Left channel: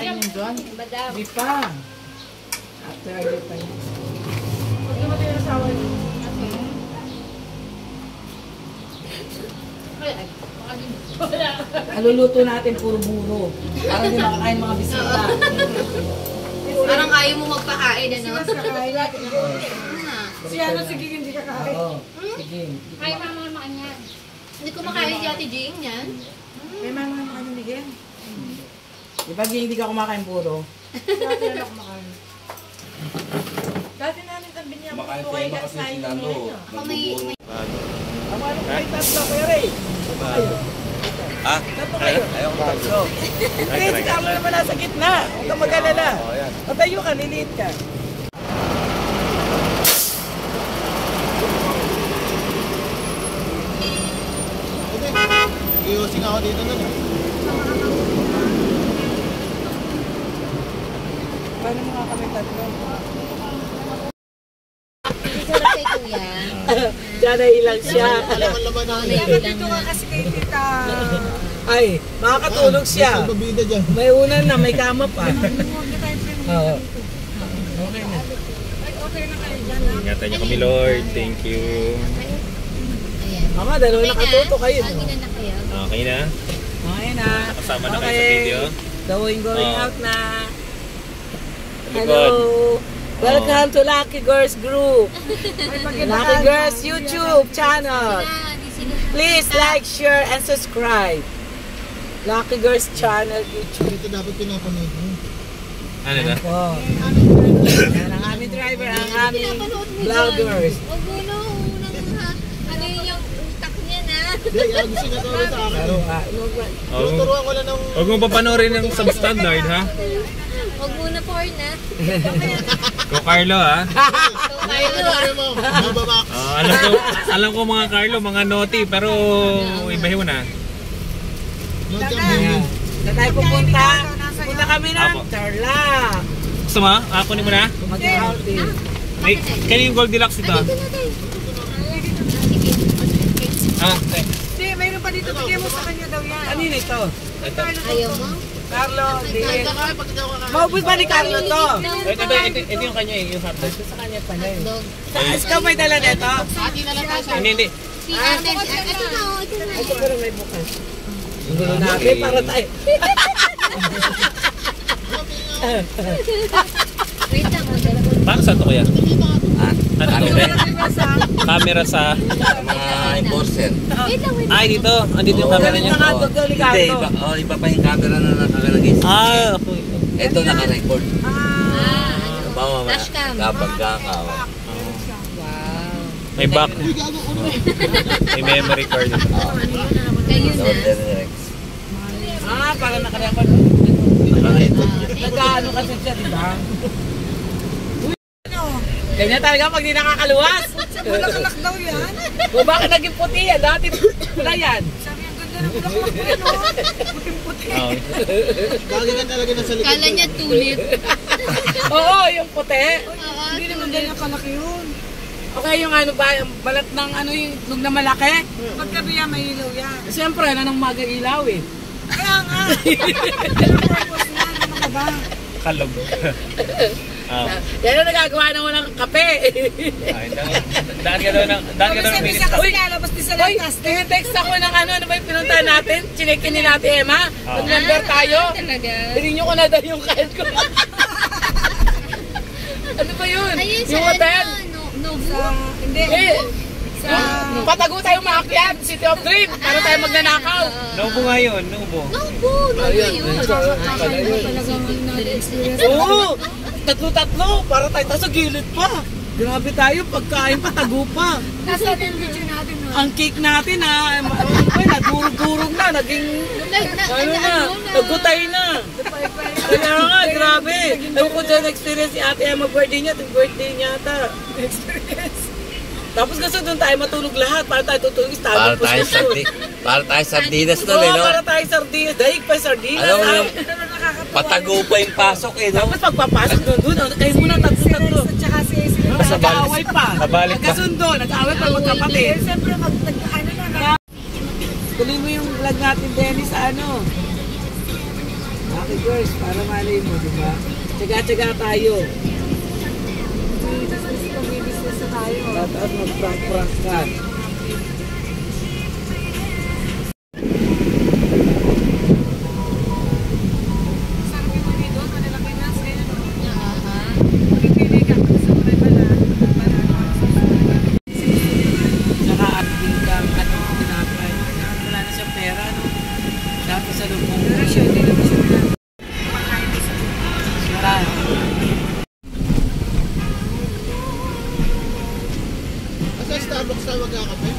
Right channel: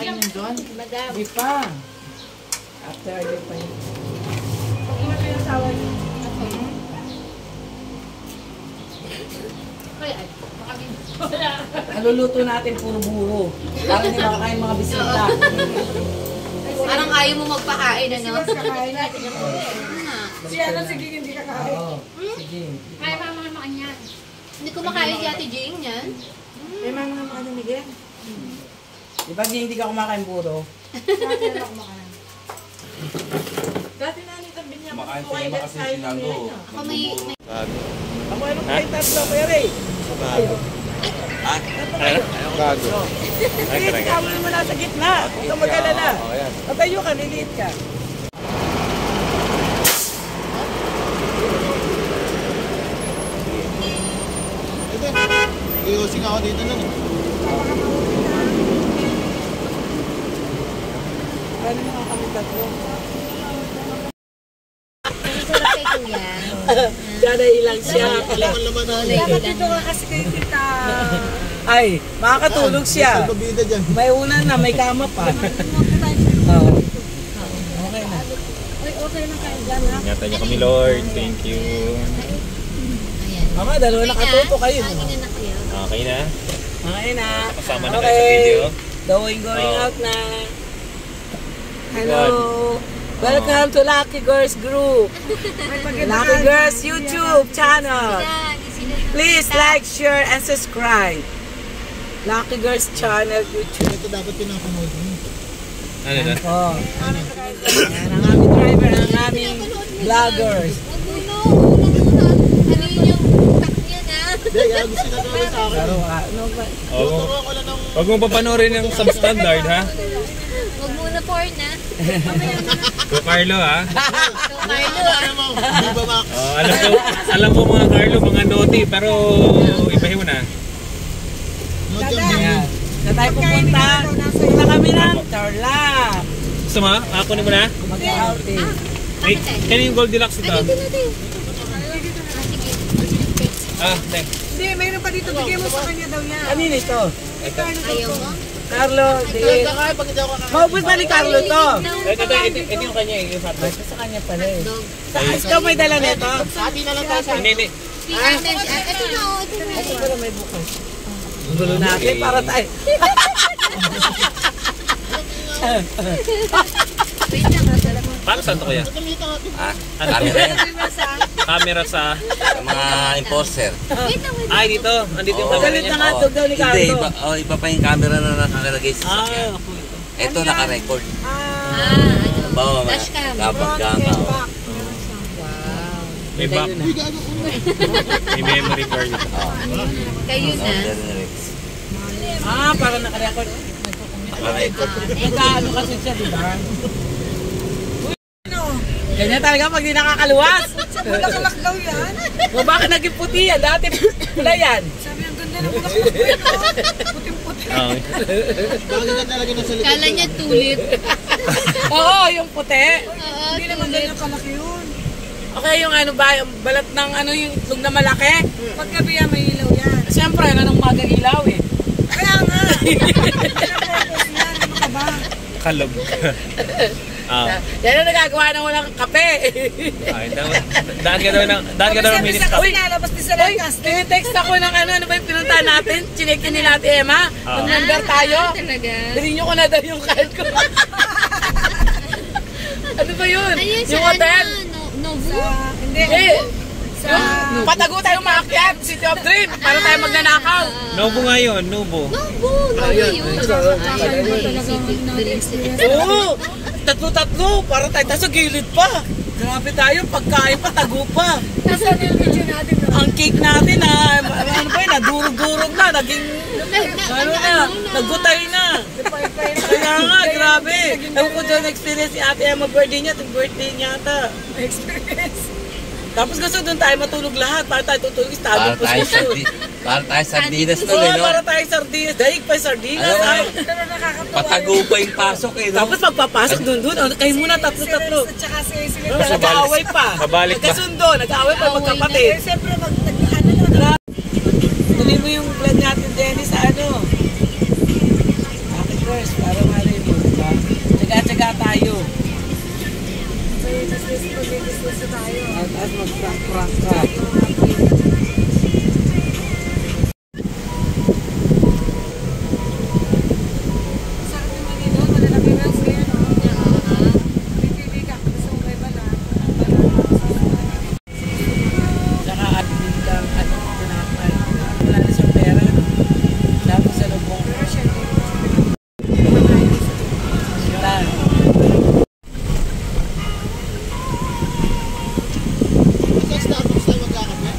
Kainin doon? Madam. Di pa. After I pa yun. Pag imatay ng sawa niyo. Ay, makabing. Naluluto natin puro buro. Para hindi makakain mga bisita. Parang ayaw mo magpakain, ano? Kasi mas kakain natin. Si ano, sige, hindi kakain. Oo. Sige. Kaya mama niya. Hindi ko makain si Ate Jing yan. May mga ano ni Gen? Di ba hindi ka kumakain puro? Dati na ako makain. Dati na nitabi niya ako kung kayo nagsayin ng niya. Ako may... Ang ano kayo tatlo, Kuya Ray? Ayaw. Ha? Ayaw bago. Hindi, kamo naman nasa gitna. Huwag ka mag-alala. Patayo ka, liliit ka. Giyosing ako dito nun eh. Paano mga kami tatlo? Gana ilang siya. Laman-laman na. Dapat dito ka kasi kay tita. Ay, makakatulog siya. Pabida dyan. May unan na, may kama pa. Oo. Okay na. Ay, okay na kayo dyan ha. Ingatan niyo kami, Lord. Thank you. Mama, dalawa nakatuto kayo. No? Okay na. Okay na. Nakasama na kayo sa video. Going out na. Hello. Welcome to Lucky Girls Group. Lucky Girls YouTube channel. Please like, share, and subscribe. Lucky Girls channel YouTube. Ito dapat pinapanood mo. Ano na? Oh. Ang aming driver, ang aming vloggers. Ano yun yung cup niya na? Hindi, kaya gusto niya gawin sa akin. Tuturuan ko lang ng... Huwag mo papanoorin yung substandard, ha? Huwag muna porn na. Go Carlo, ha? Oh, alam ko mga Carlo, mga naughty, pero ibahin mo na. Ayan. Na tayo pupunta. Punta kami ng Tarlac. Gusto mo? Kunin mo na? Mag-outing. Ay, kaya yung Goldilocks ito? Dito na tayo. Thanks. Hindi, mayroon pa dito. Bigay mo sa kanya daw yan. Kanina ito. Ito. Ayaw mo? Carlo, sige. Paubos ba ni Carlo to? Ito yung kanya, yung hotdog. Sa kanya pala eh. Dog. Ikaw may dala nito? Hindi. Si Ate, ito na, ito na. Ito pero may bukas. Gulo natin para tayo. Wait lang, magdala ko. Paano saan ito kuya? Camera sa... Mga enforcer. Wait lang, wait lang. Ay, dito. Andito yung camera Galit niya. na nga ito, daw ni Hindi, Carlo. iba pa yung camera na nakalagay. Ako. Ito naka-record. Ano? Dashcam. Dapat gama. May back. May memory card. Kayo na. Para nakarecord. Naka-record. Nagkaano kasi siya, di ba? Ganyan talaga pag di nakakaluwas. Bulaklak daw yan. O baka naging puti yan, dati pula yan. Sabi ang ganda ng bulaklak ko yan. Puting-puti. Bagay ka talaga na salita. Kala niya tulip. Oo, yung puti. Hindi naman ganyan kalaki yun. Okay, yung ano ba, yung balat ng ano yung lug na malaki. Pagkabi yan, may ilaw yan. Siyempre, ano nang magang ilaw eh. Kaya nga. Kaya purpose niya, ano ka ba? Kalag. Yan ang nagagawa ng walang kape. Daan ka daw ng minutes. Uy, lalabas din sa Uy, lantas. text ako ng ano ba yung pinuntahan natin? Chinekin nila Ate Emma. Mag-member tayo. Talaga. Hirinyo ko na daw yung card ko. Ano ba yun? Ayun, sa Yung hotel? Nobu? Hindi. Yung patago tayong maakyat, City of Dream, para tayo magnanakaw. Nobo nga yun, Nobo. Nobu! Ayun. Kakaiba talagang na-experience. Oo! Tatlo-tatlo, para tayo sa gilid pa. Grabe tayo, pagkain pa, tago pa. Nasaan yung video natin? No? Ang cake natin na, ano ba yun, nadurog-durog na, naging, ano na, nagutay na. Kaya nga, grabe. Ewan ko doon experience si Ate Emma birthday niya, itong birthday niya ata. Experience. Tapos gusto doon tayo matulog lahat, para tayo tutulog, standing position. Para tayo sardinas to, Oo, no? para tayo sardinas, daig pa sardinas. Ano? Pero nakakatawa. Patago pa yung pasok eh, no? Tapos pagpapasok doon, kayo muna tatlo-tatlo. At saka si Nag-aaway pa. Kabalik pa. Nagkasundo, nag-aaway pa magkapatid. Siyempre, ano na. Tuloy mo yung vlog natin, Dennis, sa ano. Happy girls, para malay mo, diba? Tsaga-tsaga tayo. May business tayo. Tapos mag-prank-prank ka. Tsaka admin ka, ano, tinapay. Wala na siyang pera, no? Dami sa loob mong marami.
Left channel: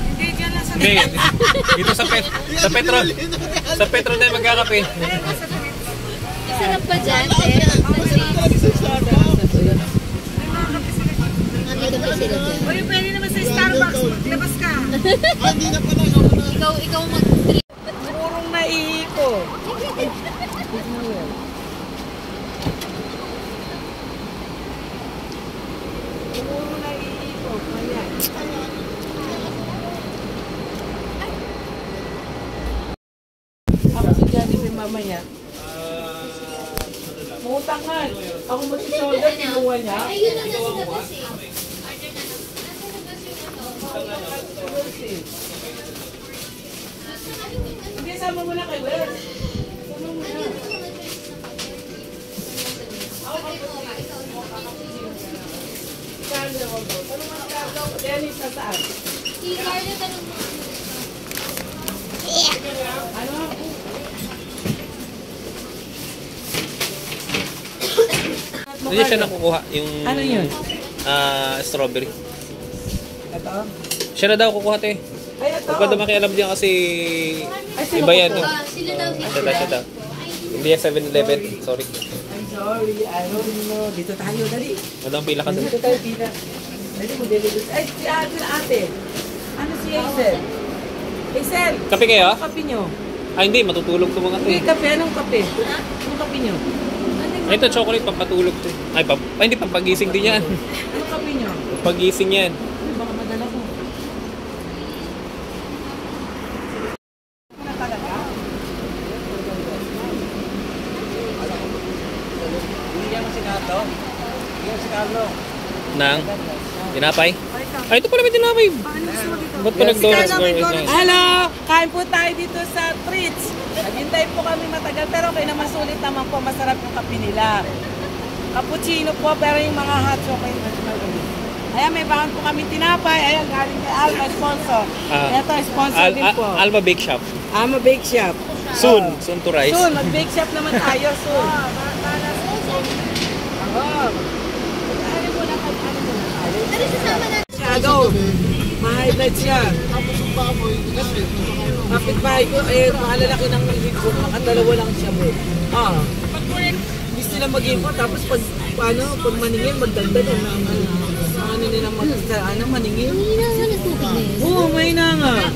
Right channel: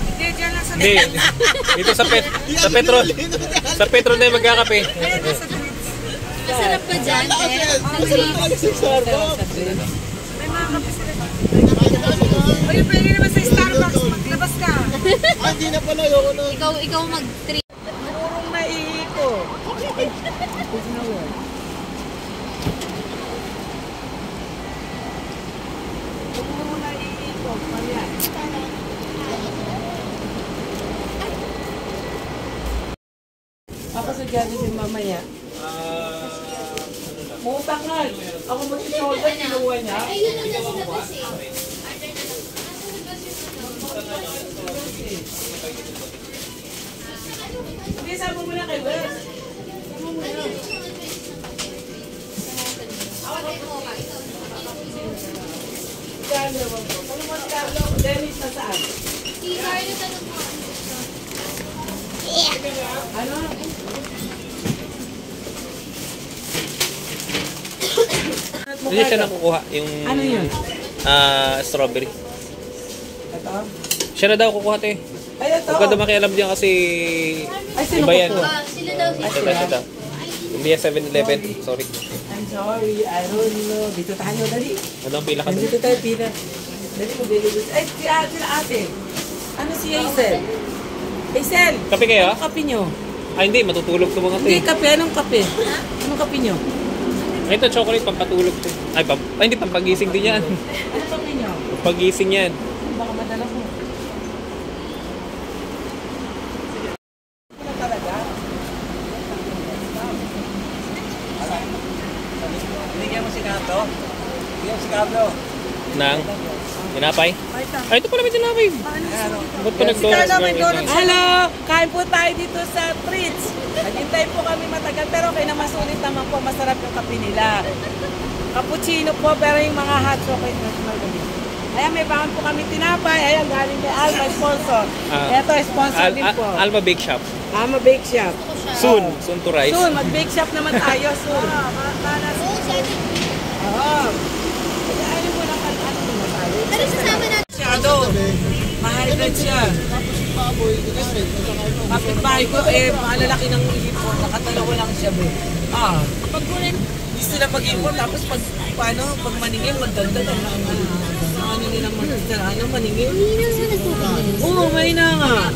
Hindi, dyan lang sa Hindi. Dito sa Petro. Sa Petro na yung magkakape. Masarap ba dyan, te? Uy, pwede naman sa Starbucks. Maglabas ka. Ikaw mag-trip. Purong naiiko. Purong naiiko. Ayan. Ako sa dyan din mamaya. Mutang nga. Ako mag-shoulder, kinuha niya. Ayun na nasa labas eh. Hindi, sama mo na kay Wes. Sandra, wag mo. Ano mo Sandra? Dennis, nasaan? Si Carlo, tanong mo. Ano? Hindi siya nakukuha yung Ano yun? strawberry. Ito? Siya na daw kukuha, te. Ay, ito. Huwag ka na makialam diyan kasi iba yan. Sila daw. Siya daw. Hindi yan 7-Eleven. Sorry. I'm sorry, I don't know. Dito tayo, dali. Madang pila ka doon. Dito tayo, Tina. Dito ko, dito. Ay, sila ate. Ano si Hazel? Hazel! Kape kayo? Anong kape nyo? Ah, hindi. Matutulog to mga te. Hindi, kape. Anong kape? Anong kape nyo? Ay, ito chocolate pampatulog te. Ay, hindi. Pampagising din yan. Anong kape nyo? Pampagising yan. Baka madala ko. Wala talaga? Bigyan mo si Kato. Bigyan si Kato. Nang tinapay. Ay, ito pala may tinapay. Ba't pa nag-donuts? Hello! Kain po tayo dito sa Treats. Naghintay po kami matagal pero okay naman, sulit naman po. Masarap yung kape nila. Cappuccino po pero yung mga hot chocolate na sumagali. Ayan, may bahan po kami tinapay. Ayan, galing kay Alma, sponsor. Ito, sponsor din po. Alma Bake Shop. Alma Bake Shop. Soon to rise. Soon, mag-bake shop naman tayo. Soon. Ano sasama natin? Shadow. Mga edad siya. Kapit-bahay ko malalaki ng ipon. Nakatalawa lang siya. Pag hindi sila mag-ipon, tapos pag maningin, magdagdag ang ano nila maningin. Hindi naman nagtutugin. Oo, may na nga.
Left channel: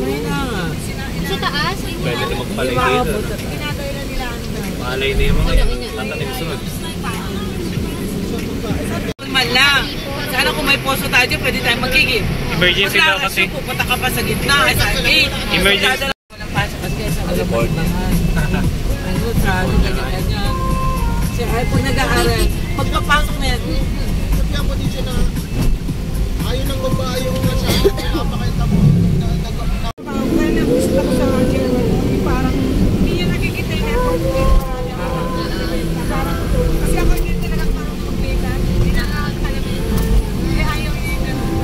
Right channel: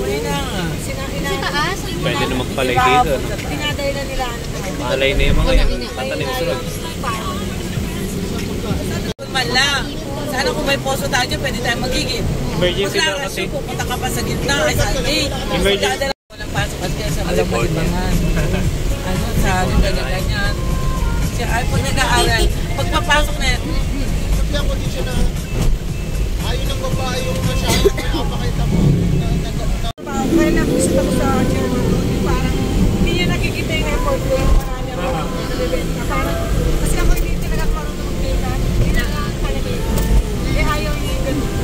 May na nga. Sa taas? Pwede na magpalay dito. Malay na yung mga tatanim sunod. Man lang. Sana kung may poso tayo, pwede tayo magiging. Emergency daw kasi. Pupunta ka pa sa gitna, sa gate. Emergency. Walang pasok kasi sa libangan. Ano, sa ganyan-ganyan. Ay, pag nag-aaral, pag papasok na yan, kaya nag-gusto ko sa Chino, parang hindi niya nakikita yung effort ko. Kasi ako hindi pinagpapang ng pika, pinakapalamin. Ayaw niya yung ganun.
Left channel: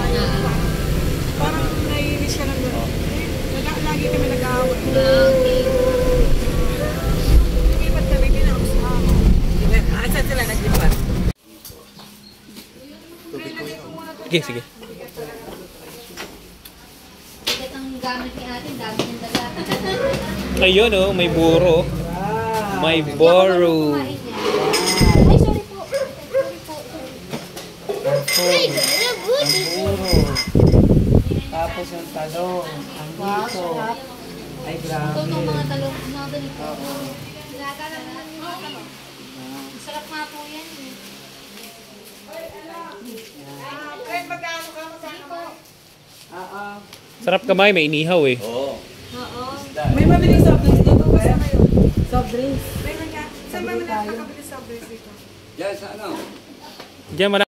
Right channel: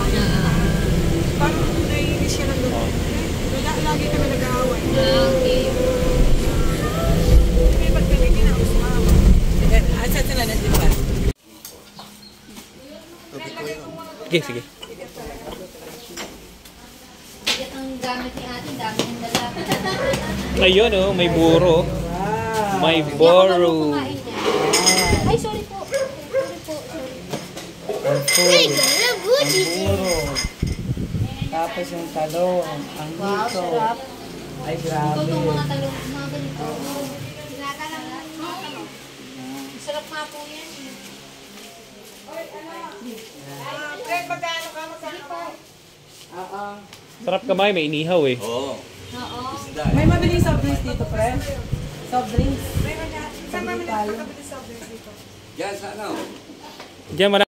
Parang naiinis siya ng gano'n. Lagi kami nag-aaway. Okay. Ba't kami kinausap? Saan sila naglipat? Sige. Bigat ang gamit ni atin, dami ng dala. Ayun oh, may buro. May boro. Kumain niya. Ay, sorry po. Ay, good. Tapos yung talong, ang hito. Ay, grabe. Ito itong mga talong, mga ganito. Nakakalang lang yung mga talong. Sarap nga po yan. Sige po. Sarap kamay, may inihaw eh. Oo. May mabiling soft drinks dito ba? Soft drinks? Meron nga malayo. Kapit sa dito. Diyan,